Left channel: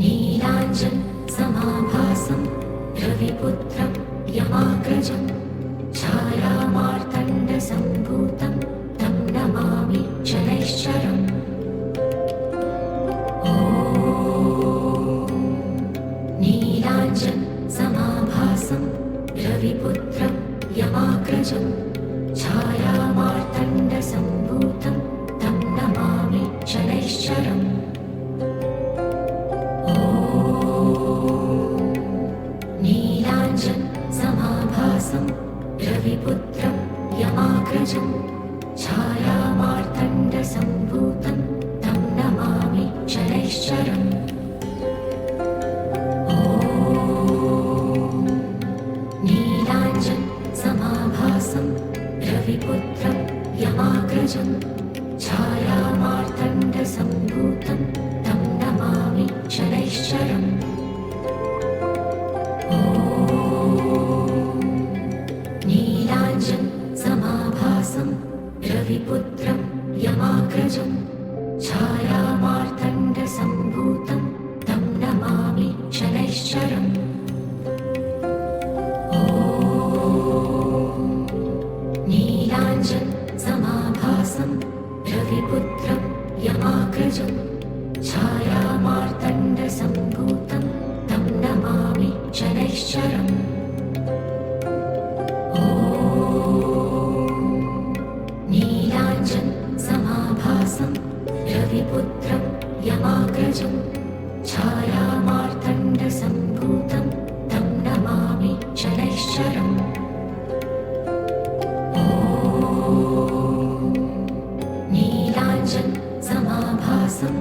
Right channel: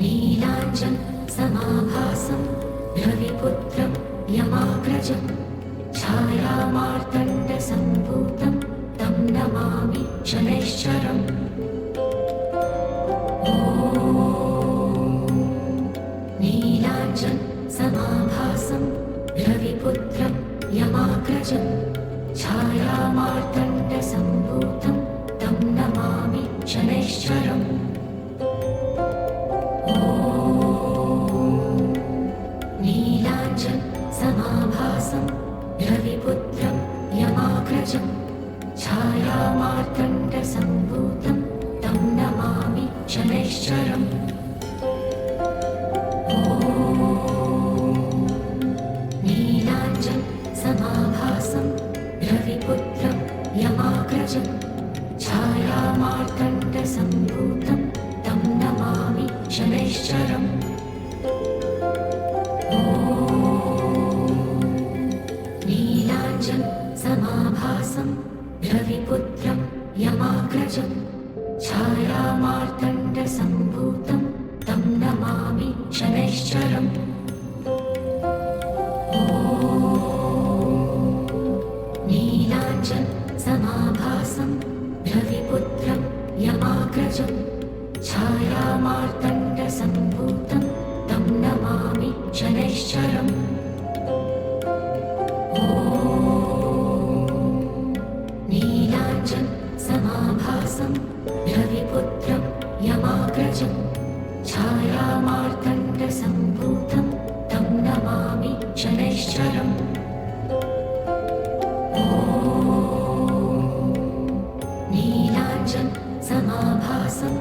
नीलाञ्जन समाभासं रविपुत्रं यमाग्रजं छायामार्तण्डसम्भूतं तं नमामि शनैश्चरम्। नीलाञ्जन समाभासं रविपुत्रं यमाग्रजं छायामार्तण्डसम्भूतं तं नमामि शनैश्चरम्। नीलाञ्जन समाभासं रविपुत्रं यमाग्रजं छायामार्तण्डसम्भूतं तं नमामि शनैश्चरम्। नीलाञ्जन समाभासं रविपुत्रं यमाग्रजं छायामार्तण्डसम्भूतं तं नमामि शनैश्चरम्। नीलाञ्जन समाभासं रविपुत्रं यमाग्रजं छायामार्तण्डसम्भूतं तं नमामि शनैश्चरम्। नीलाञ्जन समाभासं रविपुत्रं यमाग्रजं छायामार्तण्डसम्भूतं तं नमामि शनैश्चरम्। नीलाञ्जन समाभासं रविपुत्रं यमाग्रजं छायामार्तण्डसम्भूतं तं नमामि शनैश्चरम्। नीलाञ्जन समाभासं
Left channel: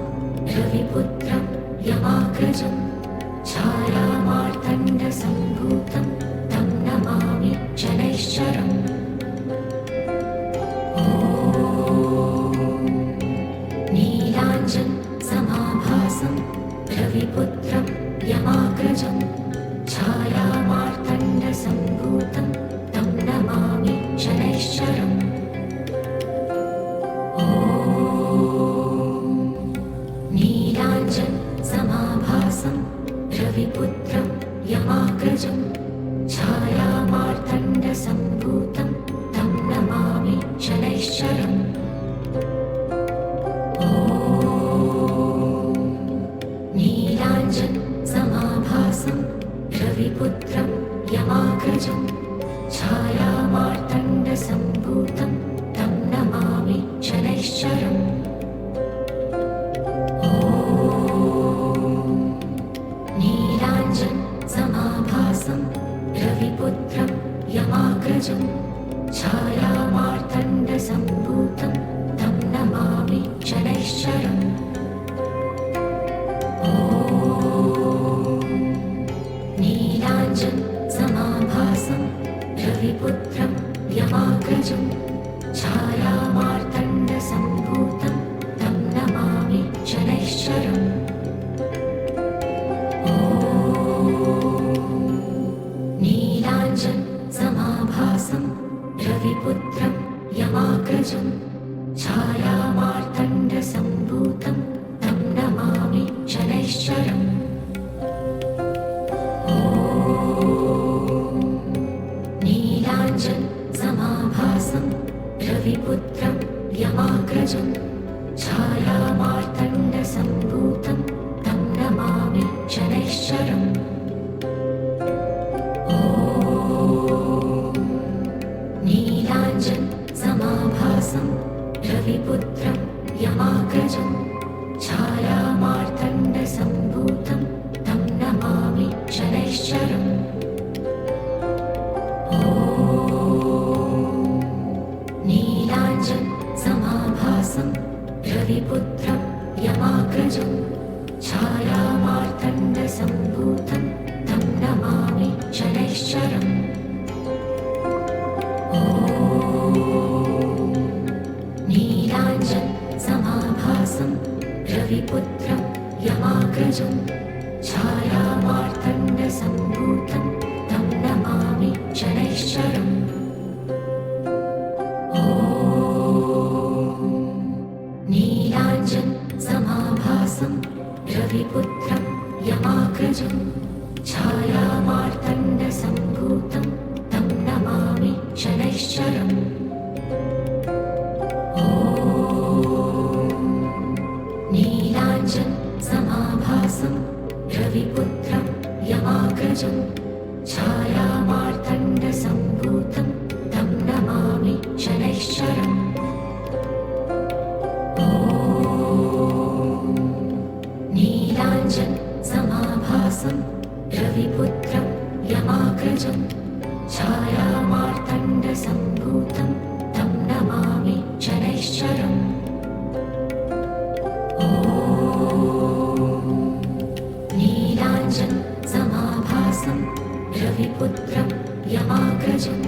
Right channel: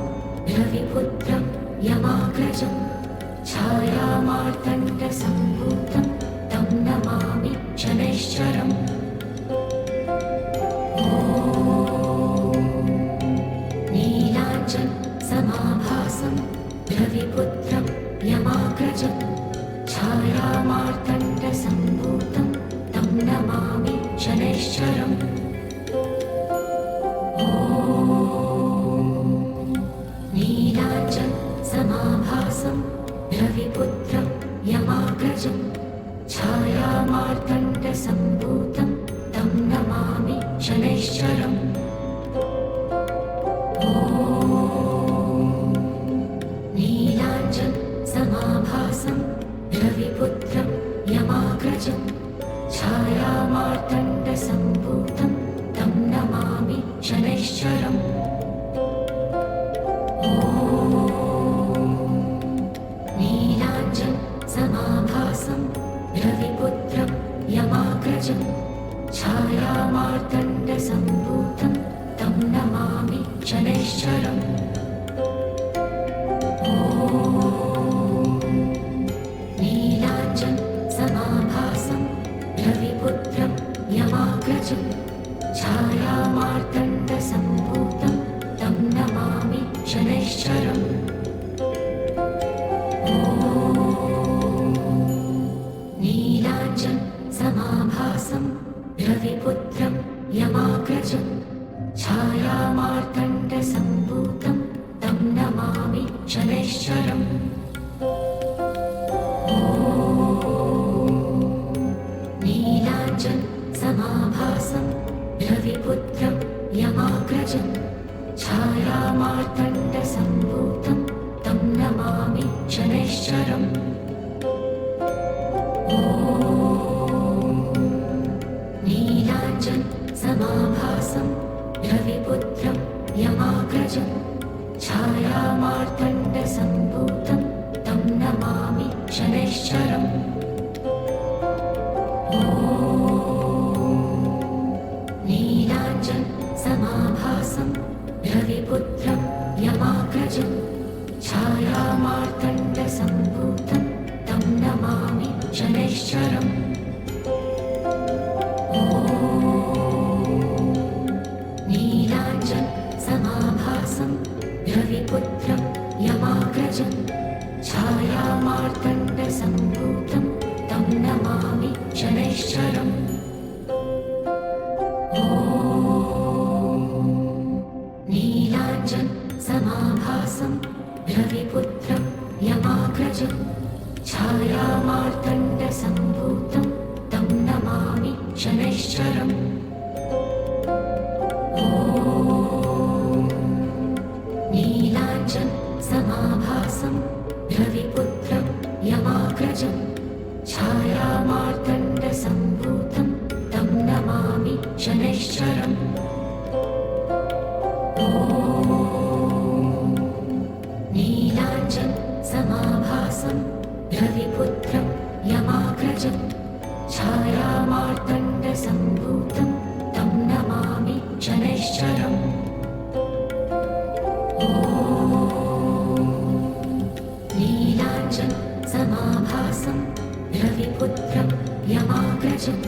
रविपुत्रं यमाग्रजं छायामार्तण्डसम्भूतं तं नमामि शनैश्चरम्। नीलाञ्जन समाभासं रविपुत्रं यमाग्रजं छायामार्तण्डसम्भूतं तं नमामि शनैश्चरम्। नीलाञ्जन समाभासं रविपुत्रं यमाग्रजं छायामार्तण्डसम्भूतं तं नमामि शनैश्चरम्। नीलाञ्जन समाभासं रविपुत्रं यमाग्रजं छायामार्तण्डसम्भूतं तं नमामि शनैश्चरम्। नीलाञ्जन समाभासं रविपुत्रं यमाग्रजं छायामार्तण्डसम्भूतं तं नमामि शनैश्चरम्। नीलाञ्जन समाभासं रविपुत्रं यमाग्रजं छायामार्तण्डसम्भूतं तं नमामि शनैश्चरम्। नीलाञ्जन समाभासं रविपुत्रं यमाग्रजं छायामार्तण्डसम्भूतं तं नमामि शनैश्चरम्। नीलाञ्जन समाभासं रविपुत्रं यमाग्रजं छायामार्तण्डसम्भूतं तं नमामि शनैश्चरम्। नीलाञ्जन समाभासं रविपुत्रं यमाग्रजं छायामार्तण्डसम्भूतं तं नमामि शनैश्चरम्। नीलाञ्जन समाभासं रविपुत्रं यमाग्रजं छायामार्तण्डसम्भूतं तं नमामि शनैश्चरम्। नीलाञ्जन समाभासं रविपुत्रं यमाग्रजं छायामार्तण्डसम्भूतं तं नमामि शनैश्चरम्। नीलाञ्जन समाभासं रविपुत्रं यमाग्रजं छायामार्तण्डसम्भूतं तं नमामि शनैश्चरम् नीलाञ्जन समाभासं रविपुत्रं यमाग्रजं छायामार्तण्डसम्भूतं तं नमामि शनैश्चरम् नीलाञ्जन समाभासं रविपुत्रं यमाग्रजं छायामार्तण्डसम्भूतं तं नमामि शनैश्चरम् नीलाञ्जन समाभासं रविपुत्रं यमाग्रजं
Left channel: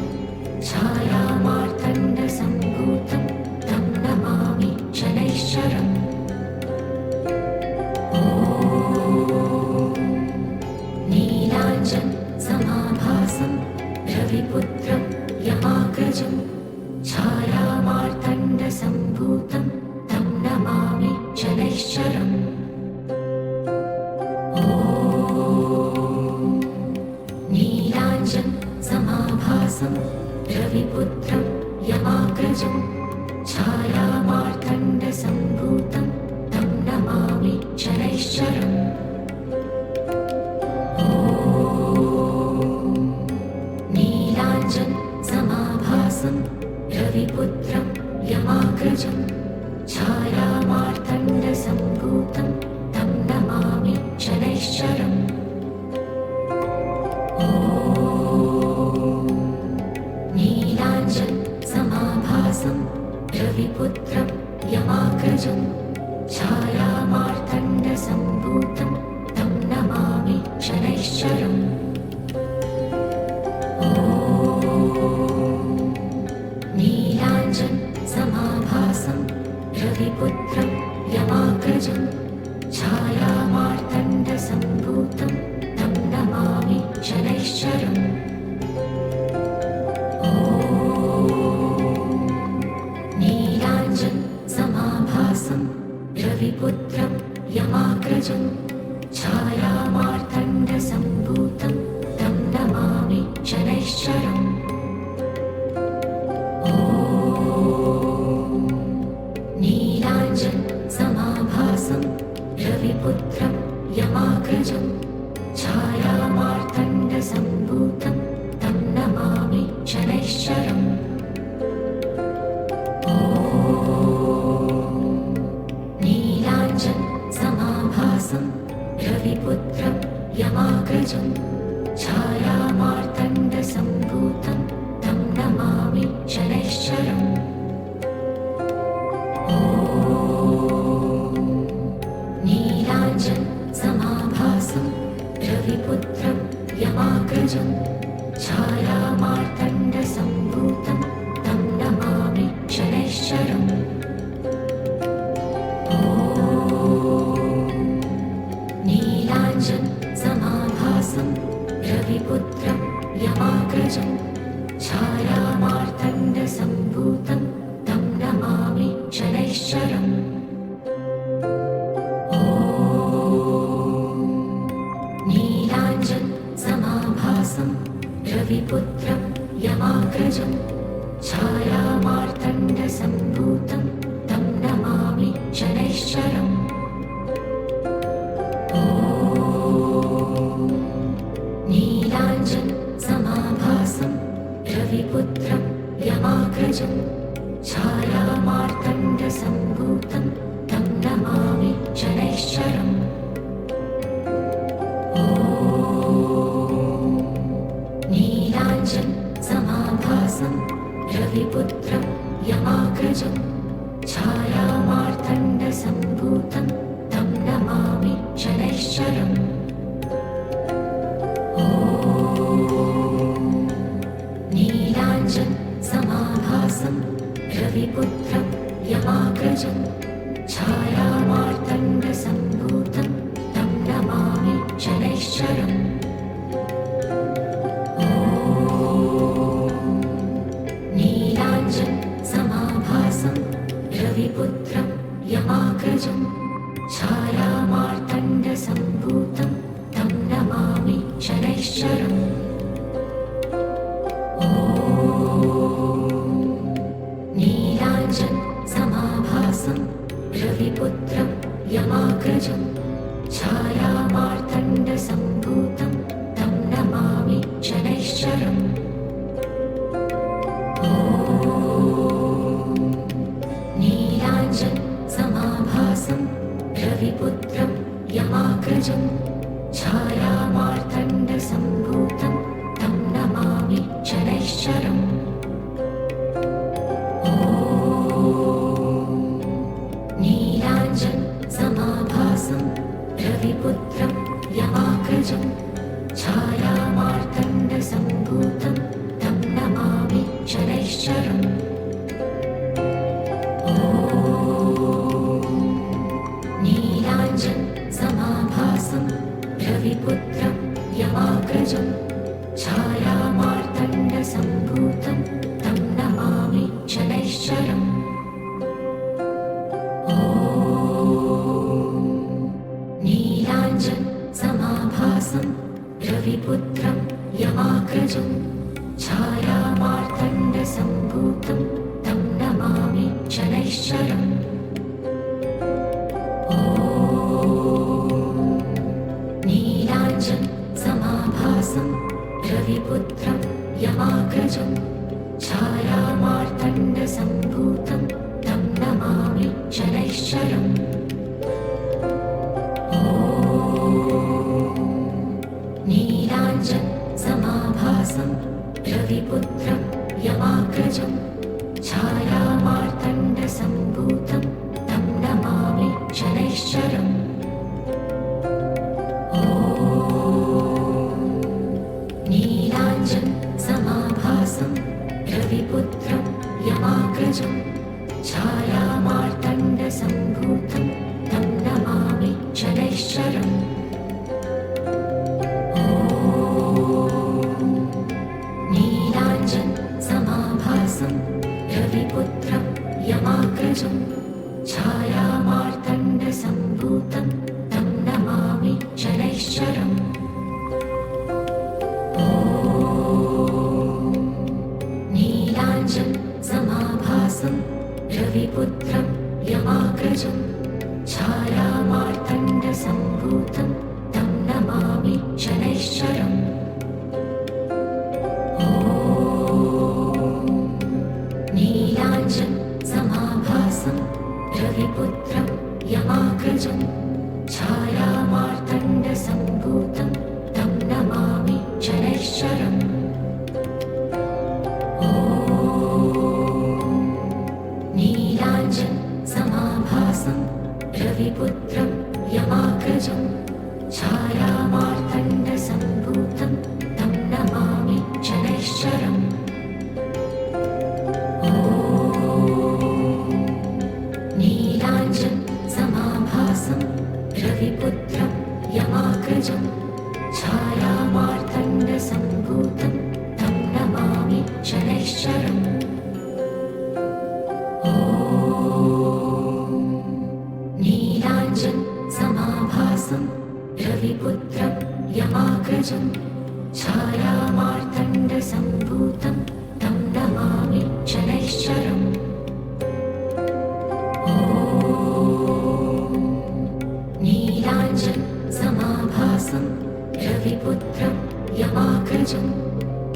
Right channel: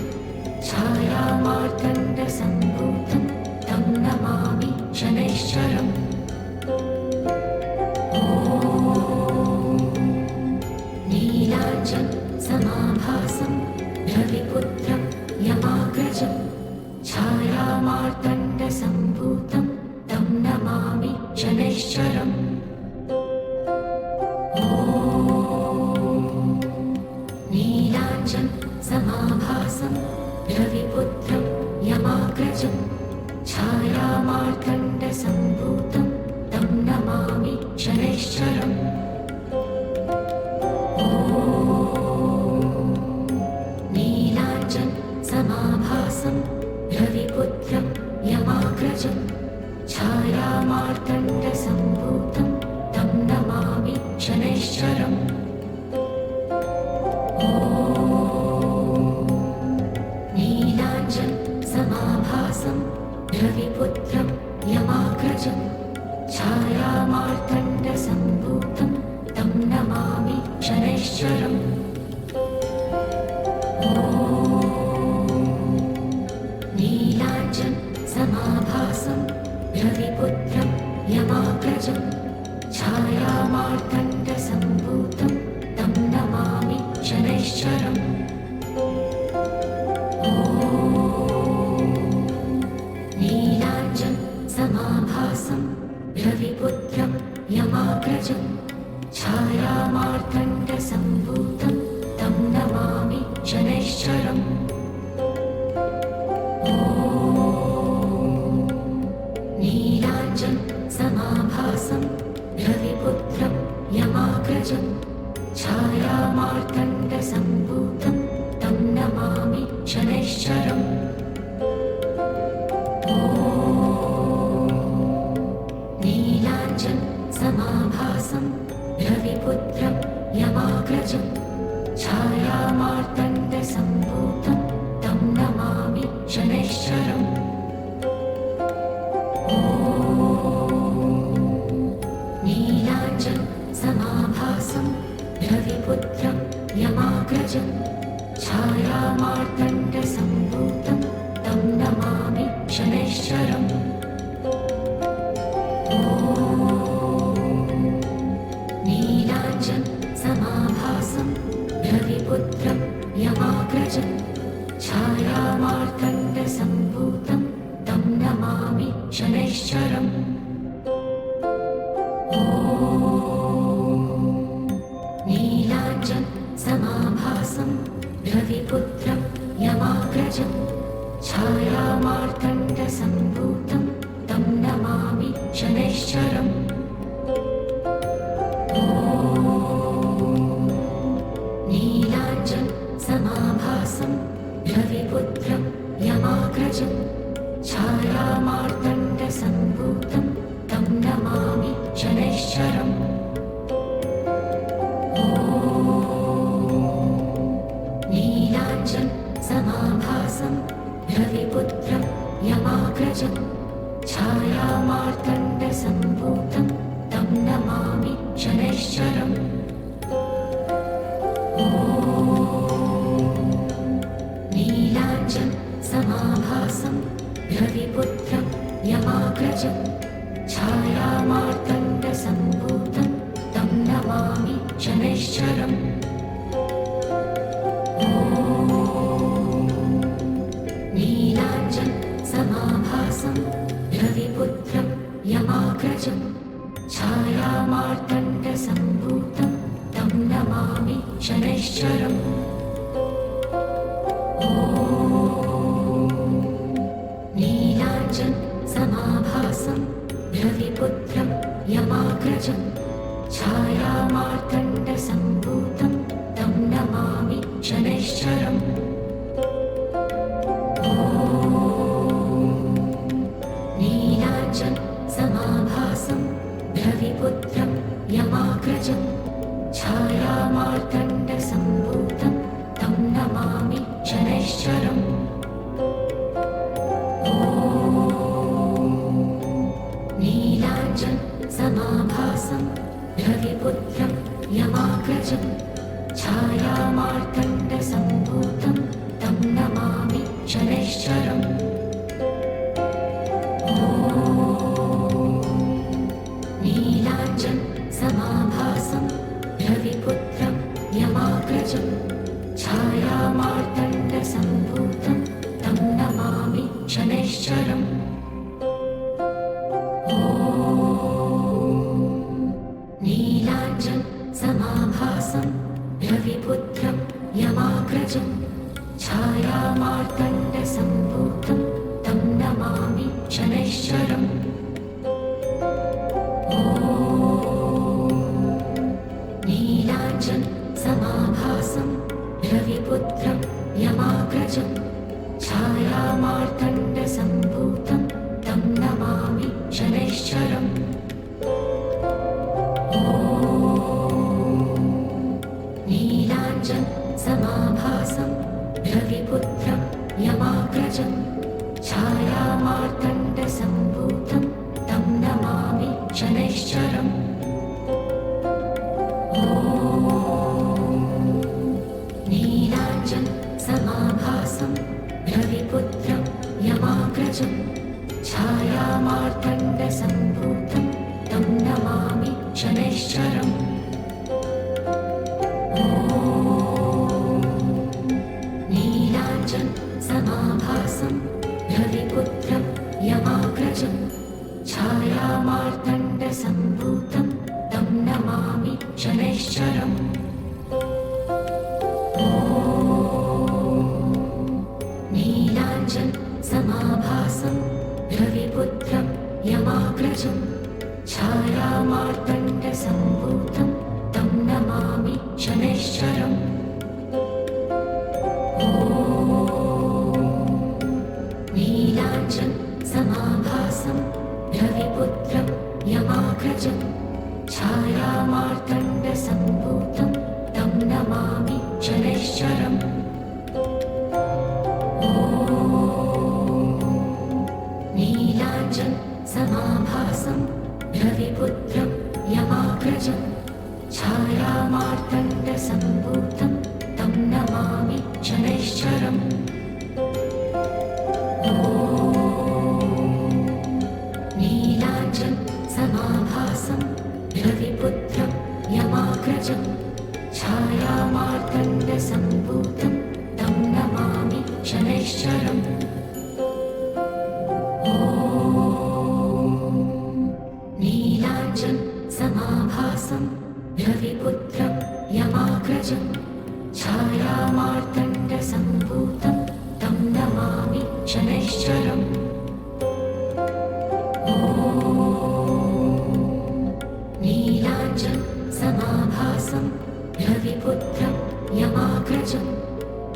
छायामार्तण्डसम्भूतं तं नमामि शनैश्चरम् नीलाञ्जन समाभासं रविपुत्रं यमाग्रजं छायामार्तण्डसम्भूतं तं नमामि शनैश्चरम् नीलाञ्जन समाभासं रविपुत्रं यमाग्रजं छायामार्तण्डसम्भूतं तं नमामि शनैश्चरम् नीलाञ्जन समाभासं रविपुत्रं यमाग्रजं छायामार्तण्डसम्भूतं तं नमामि शनैश्चरम् नीलाञ्जन समाभासं रविपुत्रं यमाग्रजं छायामार्तण्डसम्भूतं तं नमामि शनैश्चरम् नीलाञ्जन समाभासं रविपुत्रं यमाग्रजं छायामार्तण्डसम्भूतं तं नमामि शनैश्चरम् नीलाञ्जन समाभासं रविपुत्रं यमाग्रजं छायामार्तण्डसम्भूतं तं नमामि शनैश्चरम् नीलाञ्जन समाभासं रविपुत्रं यमाग्रजं छायामार्तण्डसम्भूतं तं नमामि शनैश्चरम् नीलाञ्जन समाभासं रविपुत्रं यमाग्रजं छायामार्तण्डसम्भूतं तं नमामि शनैश्चरम् नीलाञ्जन समाभासं रविपुत्रं यमाग्रजं छायामार्तण्डसम्भूतं तं नमामि शनैश्चरम् नीलाञ्जन समाभासं रविपुत्रं यमाग्रजं छायामार्तण्डसम्भूतं तं नमामि शनैश्चरम् नीलाञ्जन समाभासं रविपुत्रं यमाग्रजं छायामार्तण्डसम्भूतं तं नमामि शनैश्चरम् नीलाञ्जन समाभासं रविपुत्रं यमाग्रजं छायामार्तण्डसम्भूतं तं नमामि शनैश्चरम् नीलाञ्जन समाभासं रविपुत्रं यमाग्रजं छायामार्तण्डसम्भूतं तं नमामि शनैश्चरम् नीलाञ्जन समाभासं रविपुत्रं यमाग्रजं छायामार्तण्डसम्भूतं तं नमामि शनैश्चरम् नीलाञ्जन समाभासं रविपुत्रं यमाग्रजं छायामार्तण्डसम्भूतं तं नमामि शनैश्चरम् नीलाञ्जनसमाभासं रविपुत्रं यमाग्रजं छायामार्तण्डसम्भूतं तं नमामि शनैश्चरम् नीलाञ्जनसमाभासं रविपुत्रं यमाग्रजं छायामार्तण्डसम्भूतं तं नमामि शनैश्चरम् नीलाञ्जनसमाभासं रविपुत्रं यमाग्रजं छायामार्तण्डसम्भूतं तं नमामि शनैश्चरम् नीलाञ्जनसमाभासं रविपुत्रं यमाग्रजं छायामार्तण्डसम्भूतं तं नमामि शनैश्चरम् नीलाञ्जनसमाभासं रविपुत्रं यमाग्रजं छायामार्तण्डसम्भूतं तं नमामि शनैश्चरम् नीलाञ्जनसमाभासं रविपुत्रं यमाग्रजं छायामार्तण्डसम्भूतं तं नमामि शनैश्चरम् नीलाञ्जनसमाभासं रविपुत्रं यमाग्रजं छायामार्तण्डसम्भूतं तं नमामि शनैश्चरम् नीलाञ्जनसमाभासं रविपुत्रं यमाग्रजं छायामार्तण्डसम्भूतं तं नमामि शनैश्चरम् नीलाञ्जनसमाभासं रविपुत्रं यमाग्रजं छायामार्तण्डसम्भूतं तं नमामि शनैश्चरम् नीलाञ्जनसमाभासं रविपुत्रं यमाग्रजं छायामार्तण्डसम्भूतं तं नमामि शनैश्चरम् नीलाञ्जनसमाभासं रविपुत्रं यमाग्रजं छायामार्तण्डसम्भूतं तं नमामि शनैश्चरम् नीलाञ्जनसमाभासं रविपुत्रं यमाग्रजं छायामार्तण्डसम्भूतं तं नमामि शनैश्चरम् नीलाञ्जनसमाभासं रविपुत्रं यमाग्रजं छायामार्तण्डसम्भूतं तं नमामि शनैश्चरम् नीलाञ्जनसमाभासं रविपुत्रं यमाग्रजं छायामार्तण्डसम्भूतं तं नमामि शनैश्चरम् नीलाञ्जनसमाभासं रविपुत्रं यमाग्रजं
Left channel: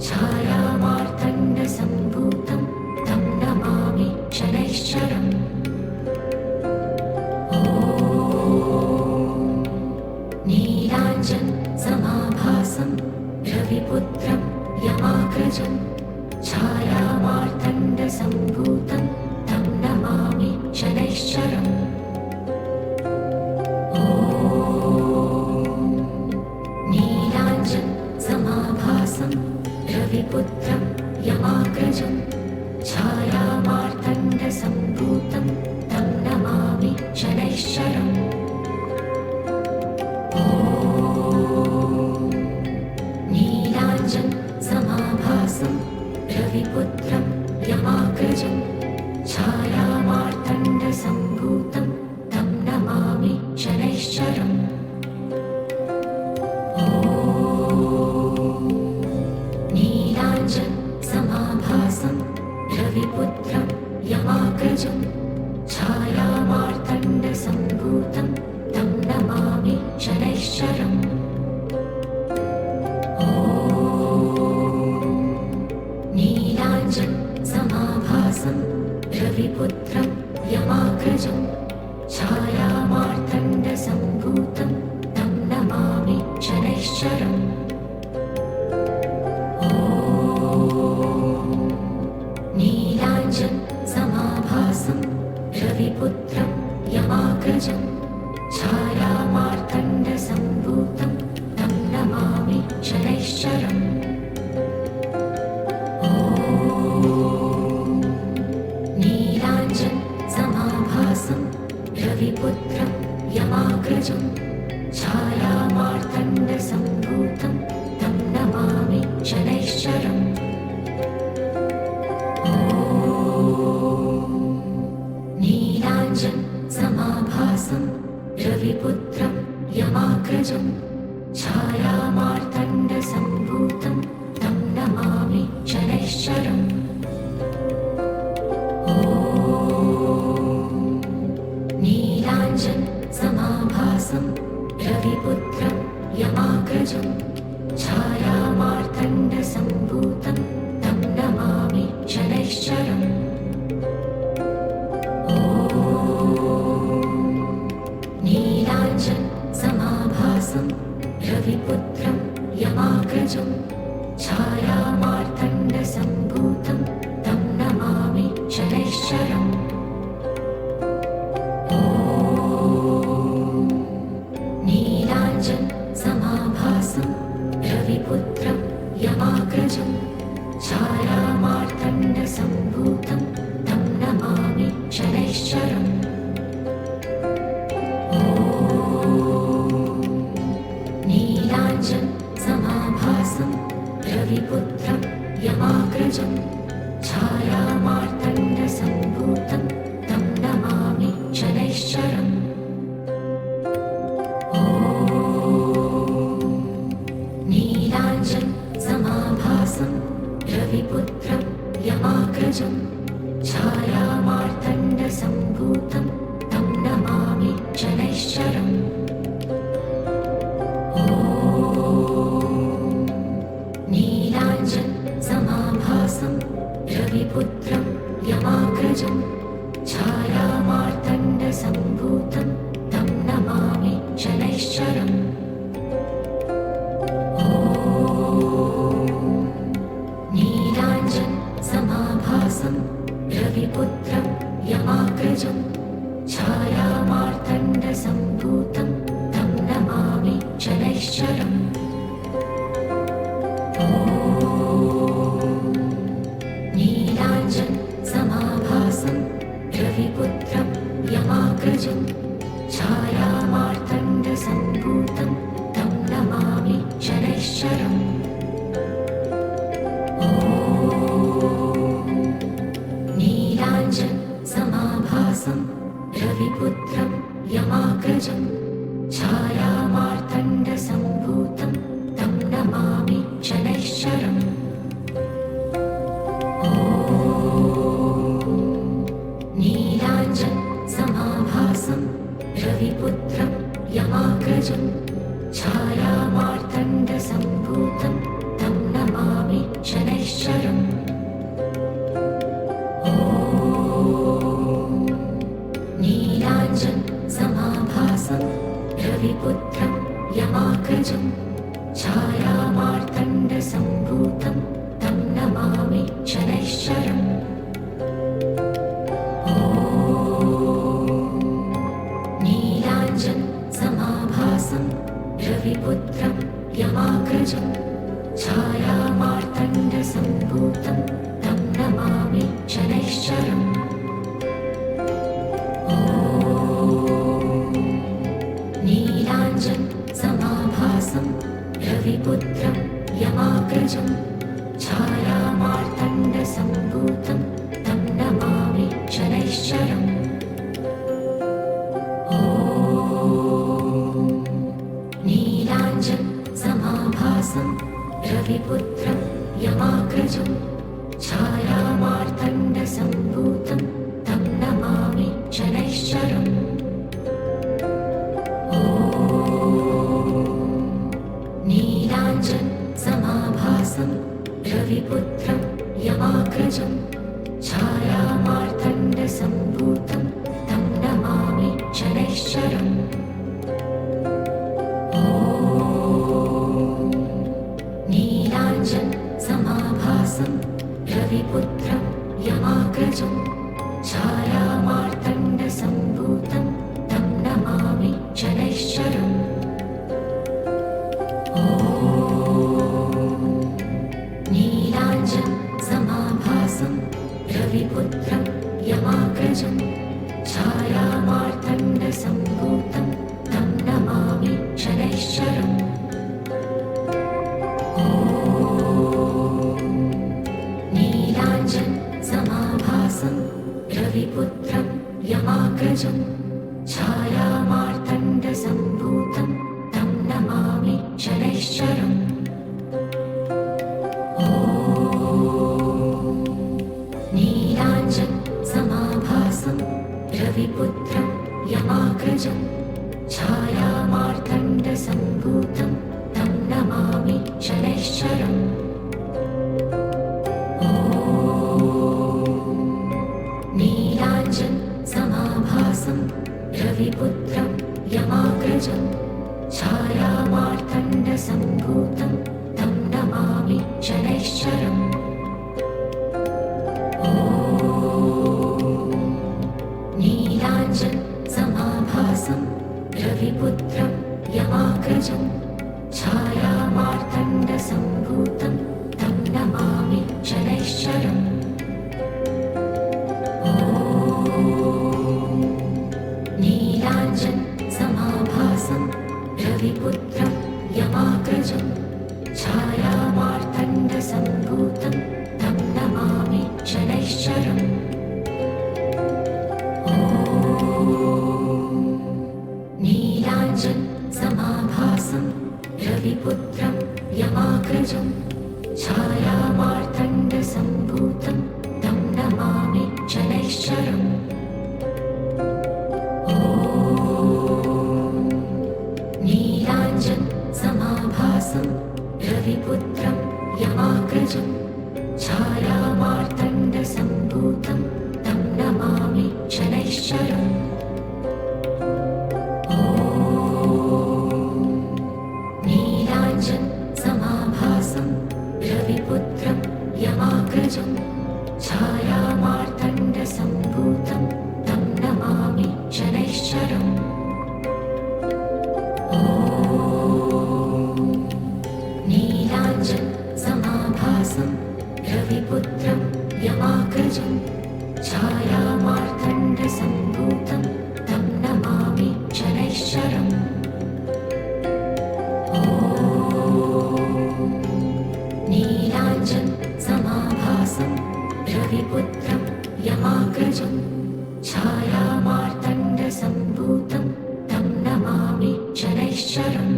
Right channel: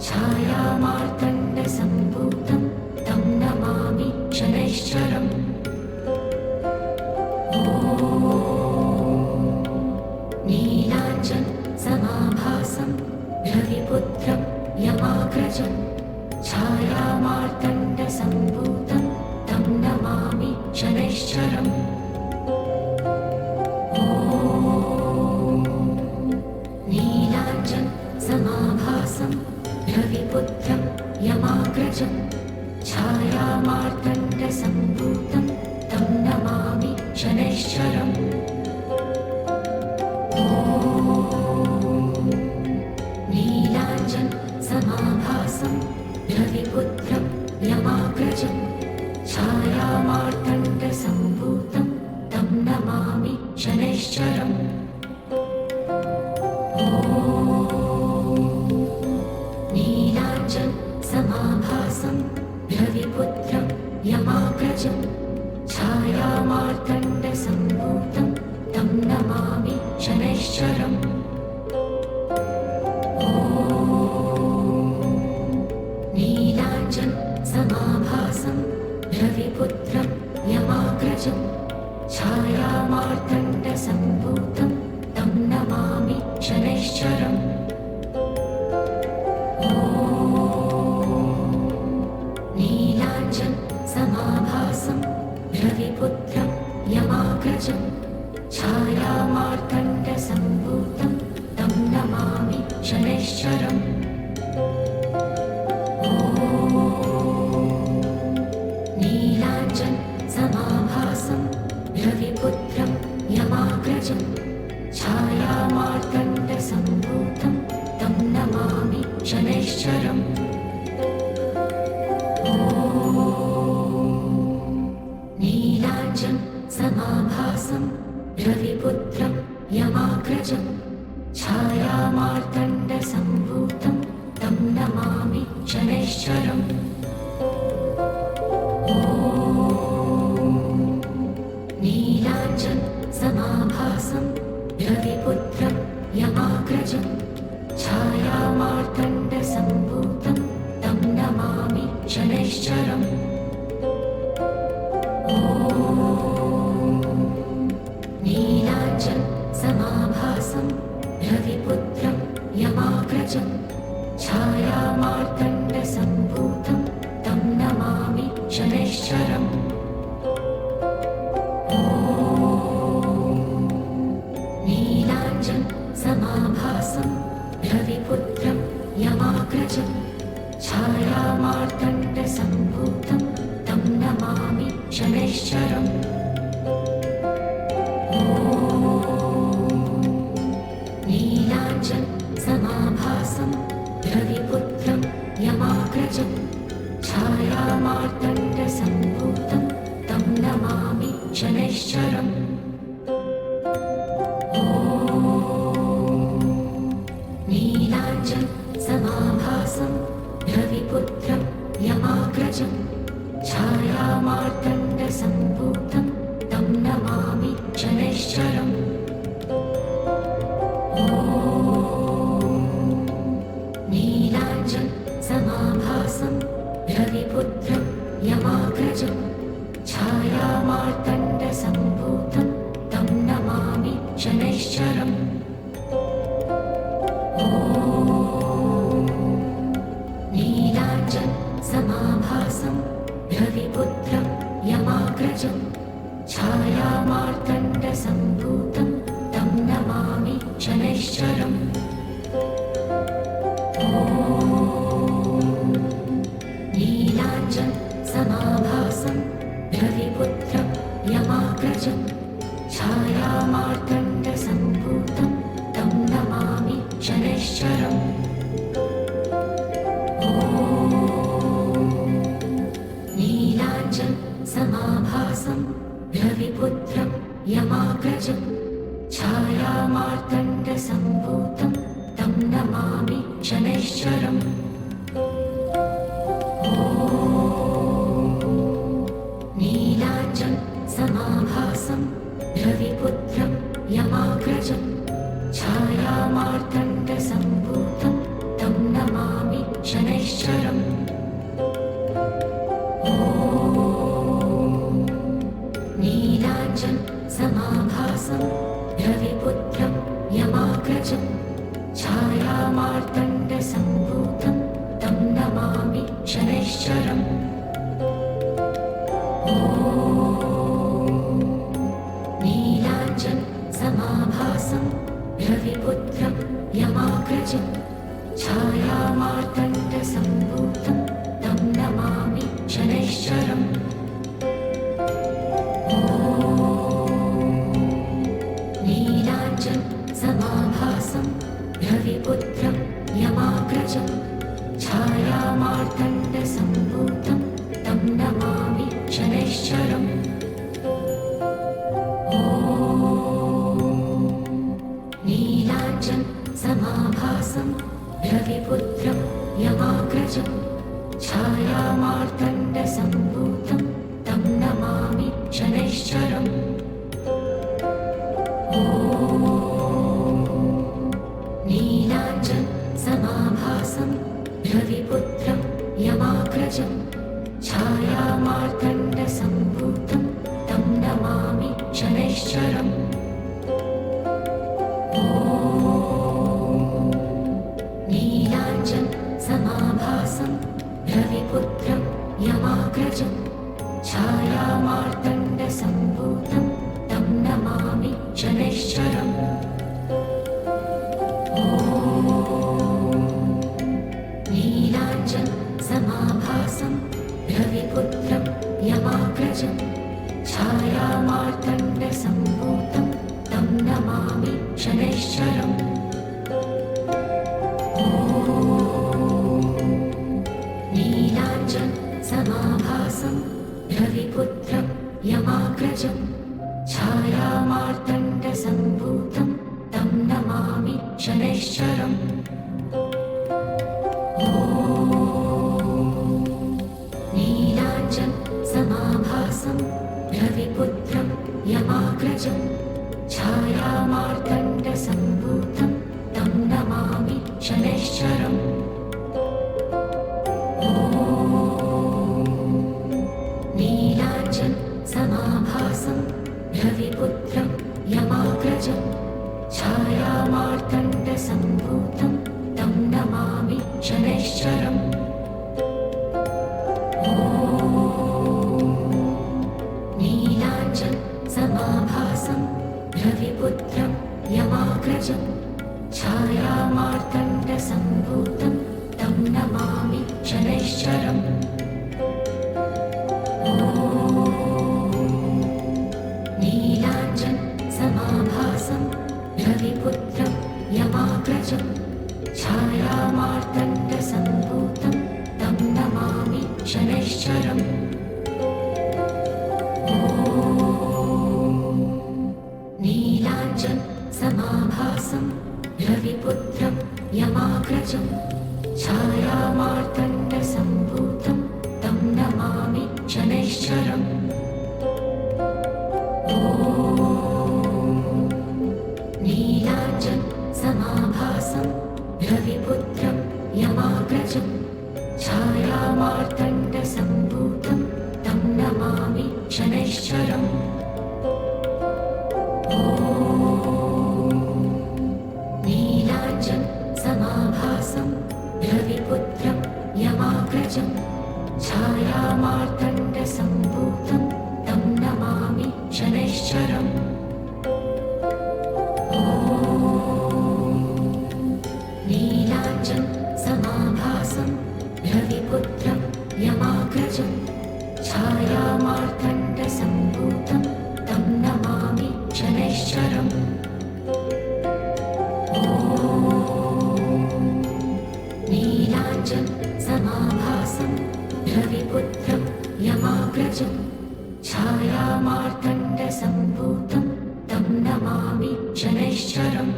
छायामार्तण्डसम्भूतं तं नमामि शनैश्चरम् नीलाञ्जनसमाभासं रविपुत्रं यमाग्रजं छायामार्तण्डसम्भूतं तं नमामि शनैश्चरम् नीलाञ्जनसमाभासं रविपुत्रं यमाग्रजं छायामार्तण्डसम्भूतं तं नमामि शनैश्चरम् नीलाञ्जनसमाभासं रविपुत्रं यमाग्रजं छायामार्तण्डसम्भूतं शनैश्चरम् नीलाञ्जन समाभासं रविपुत्रं यमाग्रजं छायामार्तण्डसम्भूतं तं नमामि शनैश्चरम् नीलाञ्जन समाभासं रविपुत्रं यमाग्रजं छायामार्तण्डसम्भूतं तं नमामि शनैश्चरम् नीलाञ्जन समाभासं रविपुत्रं यमाग्रजं छायामार्तण्डसम्भूतं तं नमामि शनैश्चरम् नीलाञ्जन समाभासं रविपुत्रं यमाग्रजं छायामार्तण्डसम्भूतं तं नमामि शनैश्चरम् नीलाञ्जन समाभासं रविपुत्रं यमाग्रजं छायामार्तण्डसम्भूतं तं नमामि शनैश्चरम् नीलाञ्जन समाभासं रविपुत्रं यमाग्रजं छायामार्तण्डसम्भूतं तं नमामि शनैश्चरम् नीलाञ्जन समाभासं रविपुत्रं यमाग्रजं छायामार्तण्डसम्भूतं तं नमामि शनैश्चरम् नीलाञ्जन समाभासं रविपुत्रं यमाग्रजं छायामार्तण्डसम्भूतं तं नमामि शनैश्चरम् नीलाञ्जन समाभासं रविपुत्रं यमाग्रजं छायामार्तण्डसम्भूतं तं नमामि शनैश्चरम् नीलाञ्जन समाभासं रविपुत्रं यमाग्रजं छायामार्तण्डसम्भूतं तं नमामि शनैश्चरम् नीलाञ्जन समाभासं रविपुत्रं यमाग्रजं छायामार्तण्डसम्भूतं तं नमामि शनैश्चरम् नीलाञ्जन समाभासं रविपुत्रं यमाग्रजं छायामार्तण्डसम्भूतं तं नमामि शनैश्चरम् नीलाञ्जन समाभासं रविपुत्रं यमाग्रजं छायामार्तण्डसम्भूतं तं नमामि शनैश्चरम् नीलाञ्जन समाभासं रविपुत्रं यमाग्रजं छायामार्तण्डसम्भूतं तं नमामि शनैश्चरम् नीलाञ्जन समाभासं रविपुत्रं यमाग्रजं छायामार्तण्डसम्भूतं तं नमामि शनैश्चरम् नीलाञ्जन समाभासं रविपुत्रं यमाग्रजं छायामार्तण्डसम्भूतं तं नमामि शनैश्चरम् नीलाञ्जन समाभासं रविपुत्रं यमाग्रजं छायामार्तण्डसम्भूतं तं नमामि शनैश्चरम् नीलाञ्जन समाभासं रविपुत्रं यमाग्रजं छायामार्तण्डसम्भूतं तं नमामि शनैश्चरम् समाभासं रविपुत्रं यमाग्रजं छायामार्तण्डसम्भूतं तं नमामि शनैश्चरम् नीलाञ्जनसमाभासं रविपुत्रं यमाग्रजं छायामार्तण्डसम्भूतं तं नमामि शनैश्चरम् नीलाञ्जनसमाभासं रविपुत्रं यमाग्रजं छायामार्तण्डसम्भूतं तं नमामि शनैश्चरम् नीलाञ्जनसमाभासं रविपुत्रं यमाग्रजं छायामार्तण्डसम्भूतं तं नमामि शनैश्चरम् नीलाञ्जनसमाभासं रविपुत्रं यमाग्रजं छायामार्तण्डसम्भूतं तं नमामि शनैश्चरम् नीलाञ्जनसमाभासं रविपुत्रं यमाग्रजं छायामार्तण्डसम्भूतं तं नमामि शनैश्चरम् नीलाञ्जनसमाभासं रविपुत्रं यमाग्रजं छायामार्तण्डसम्भूतं तं नमामि शनैश्चरम् नीलाञ्जनसमाभासं रविपुत्रं यमाग्रजं छायामार्तण्डसम्भूतं तं नमामि शनैश्चरम् नीलाञ्जनसमाभासं रविपुत्रं यमाग्रजं छायामार्तण्डसम्भूतं तं नमामि शनैश्चरम् नीलाञ्जनसमाभासं रविपुत्रं यमाग्रजं छायामार्तण्डसम्भूतं तं नमामि शनैश्चरम् नीलाञ्जनसमाभासं रविपुत्रं यमाग्रजं छायामार्तण्डसम्भूतं तं नमामि शनैश्चरम् नीलाञ्जनसमाभासं रविपुत्रं यमाग्रजं छायामार्तण्डसम्भूतं तं नमामि शनैश्चरम् नीलाञ्जनसमाभासं रविपुत्रं यमाग्रजं छायामार्तण्डसम्भूतं तं नमामि शनैश्चरम् नीलाञ्जनसमाभासं रविपुत्रं यमाग्रजं छायामार्तण्डसम्भूतं तं नमामि शनैश्चरम्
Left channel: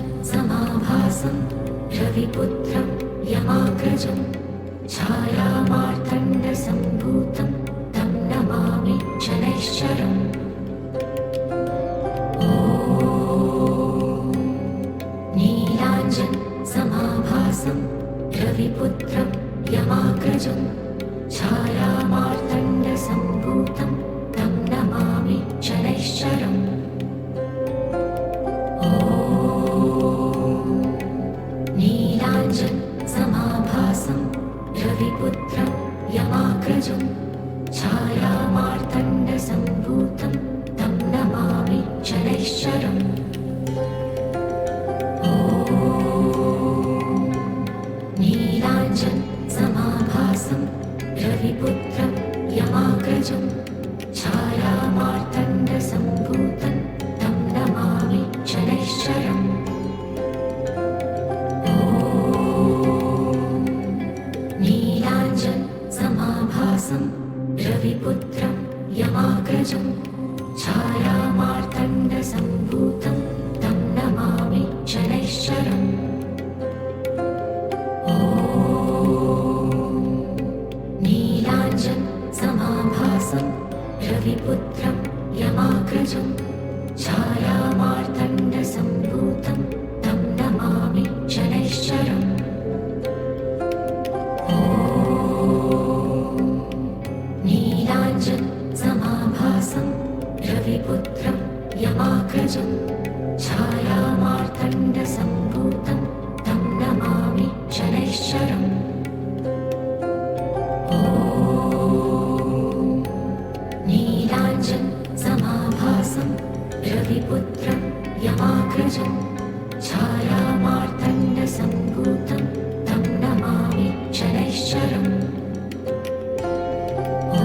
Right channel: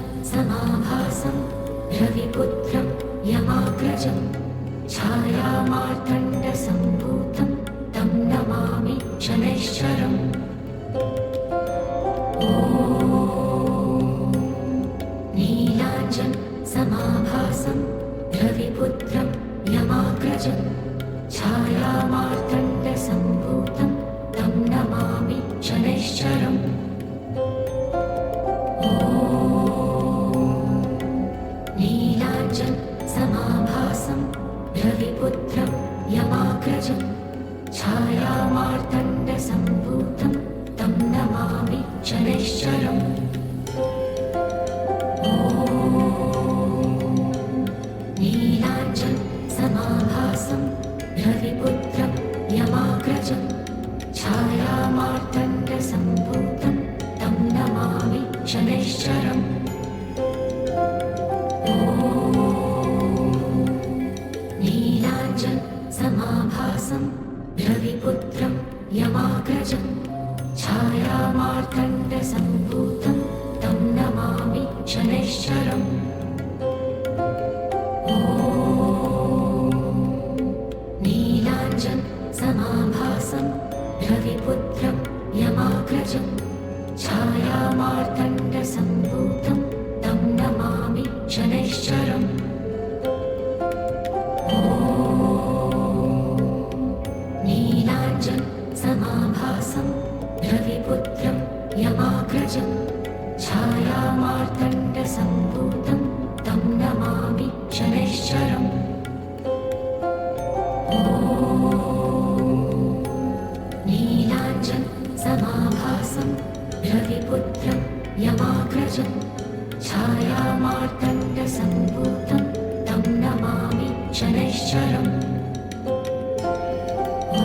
नीलाञ्जनसमाभासं रविपुत्रं यमाग्रजं छायामार्तण्डसम्भूतं तं नमामि शनैश्चरम् नीलाञ्जनसमाभासं रविपुत्रं यमाग्रजं छायामार्तण्डसम्भूतं तं नमामि शनैश्चरम् नीलाञ्जनसमाभासं रविपुत्रं यमाग्रजं छायामार्तण्डसम्भूतं तं नमामि शनैश्चरम् नीलाञ्जनसमाभासं रविपुत्रं यमाग्रजं छायामार्तण्डसम्भूतं तं नमामि शनैश्चरम् नीलाञ्जनसमाभासं रविपुत्रं यमाग्रजं छायामार्तण्डसम्भूतं तं नमामि शनैश्चरम् ॐ नीलाञ्जनसमाभासं रविपुत्रं यमाग्रजं छायामार्तण्डसम्भूतं तं नमामि शनैश्चरम् ॐ नीलाञ्जनसमाभासं रविपुत्रं यमाग्रजं छायामार्तण्डसम्भूतं तं नमामि शनैश्चरम् ॐ नीलाञ्जनसमाभासं रविपुत्रं यमाग्रजं छायामार्तण्डसम्भूतं तं नमामि शनैश्चरम् ॐ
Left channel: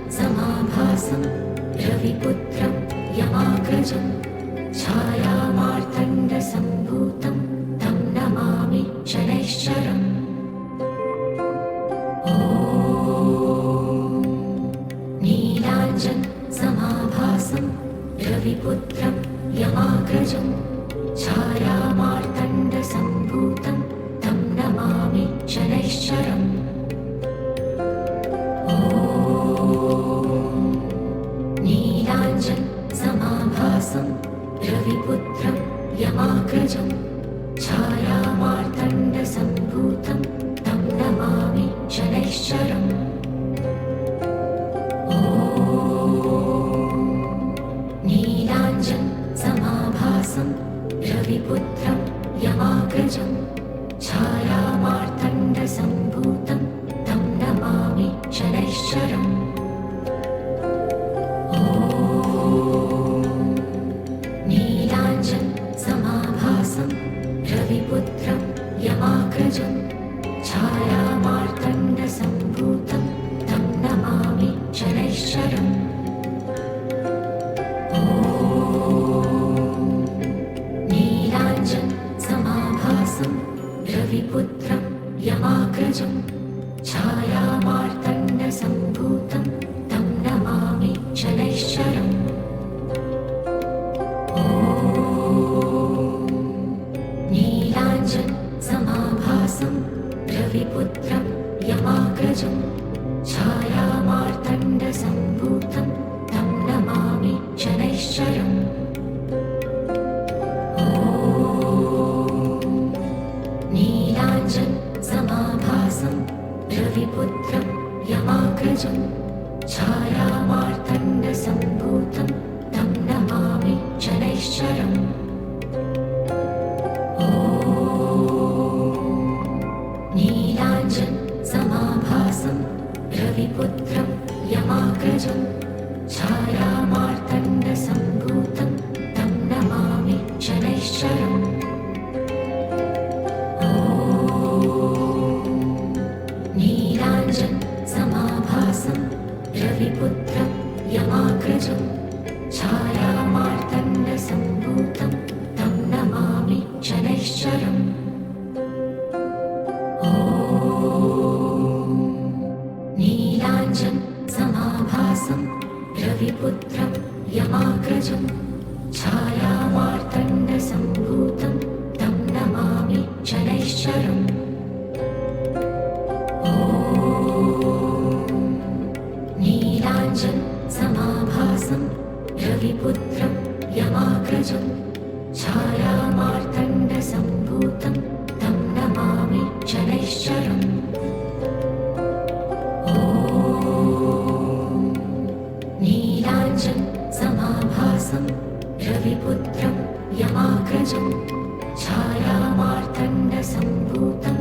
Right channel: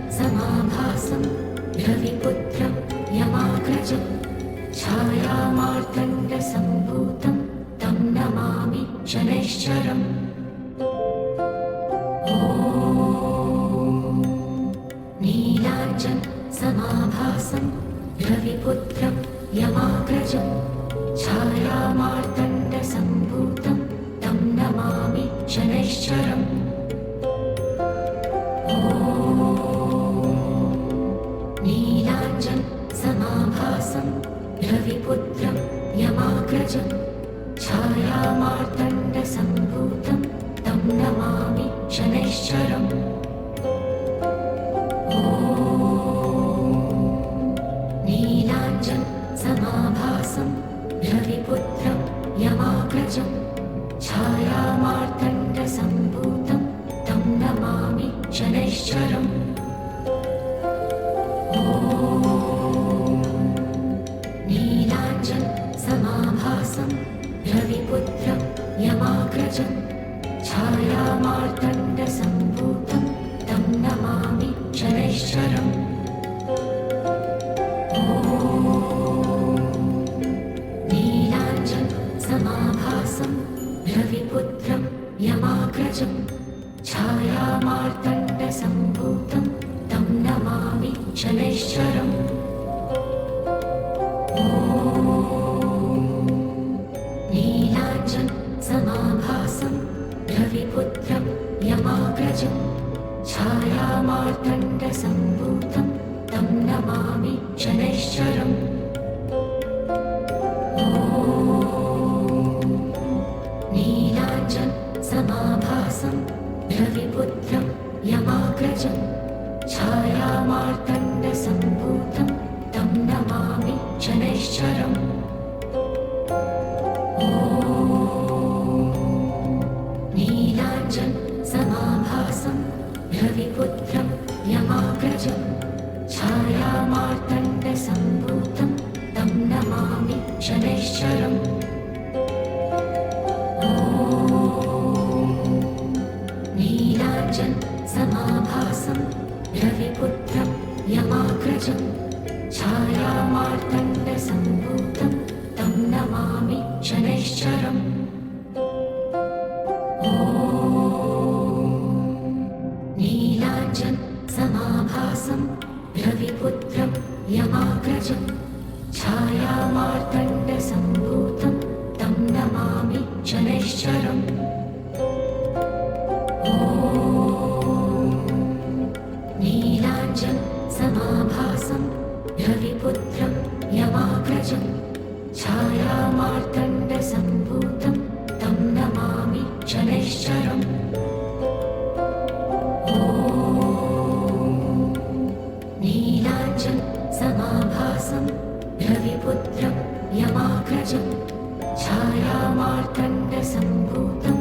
नीलाञ्जनसमाभासं रविपुत्रं यमाग्रजं छायामार्तण्डसम्भूतं तं नमामि शनैश्चरम् ॐ नीलाञ्जनसमाभासं रविपुत्रं यमाग्रजं छायामार्तण्डसम्भूतं तं नमामि शनैश्चरम् ॐ नीलाञ्जनसमाभासं रविपुत्रं यमाग्रजं छायामार्तण्डसम्भूतं तं नमामि शनैश्चरम् ॐ नीलाञ्जनसमाभासं रविपुत्रं यमाग्रजं छायामार्तण्डसम्भूतं तं नमामि शनैश्चरम् ॐ नीलाञ्जनसमाभासं रविपुत्रं यमाग्रजं छायामार्तण्डसम्भूतं तं नमामि शनैश्चरम् ॐ नीलाञ्जनसमाभासं रविपुत्रं यमाग्रजं छायामार्तण्डसम्भूतं तं नमामि शनैश्चरम् ॐ नीलाञ्जनसमाभासं रविपुत्रं यमाग्रजं छायामार्तण्डसम्भूतं तं नमामि शनैश्चरम् ॐ नीलाञ्जनसमाभासं रविपुत्रं यमाग्रजं छायामार्तण्डसम्भूतं तं नमामि शनैश्चरम् ॐ नीलाञ्जनसमाभासं रविपुत्रं यमाग्रजं छायामार्तण्डसम्भूतं तं नमामि शनैश्चरम् ॐ नीलाञ्जनसमाभासं रविपुत्रं यमाग्रजं छायामार्तण्डसम्भूतं तं नमामि शनैश्चरम् ॐ नीलाञ्जनसमाभासं रविपुत्रं यमाग्रजं छायामार्तण्डसम्भूतं तं नमामि शनैश्चरम् ॐ नीलाञ्जनसमाभासं रविपुत्रं यमाग्रजं छायामार्तण्डसम्भूतं तं नमामि शनैश्चरम् ॐ नीलाञ्जनसमाभासं रविपुत्रं यमाग्रजं छायामार्तण्डसम्भूतं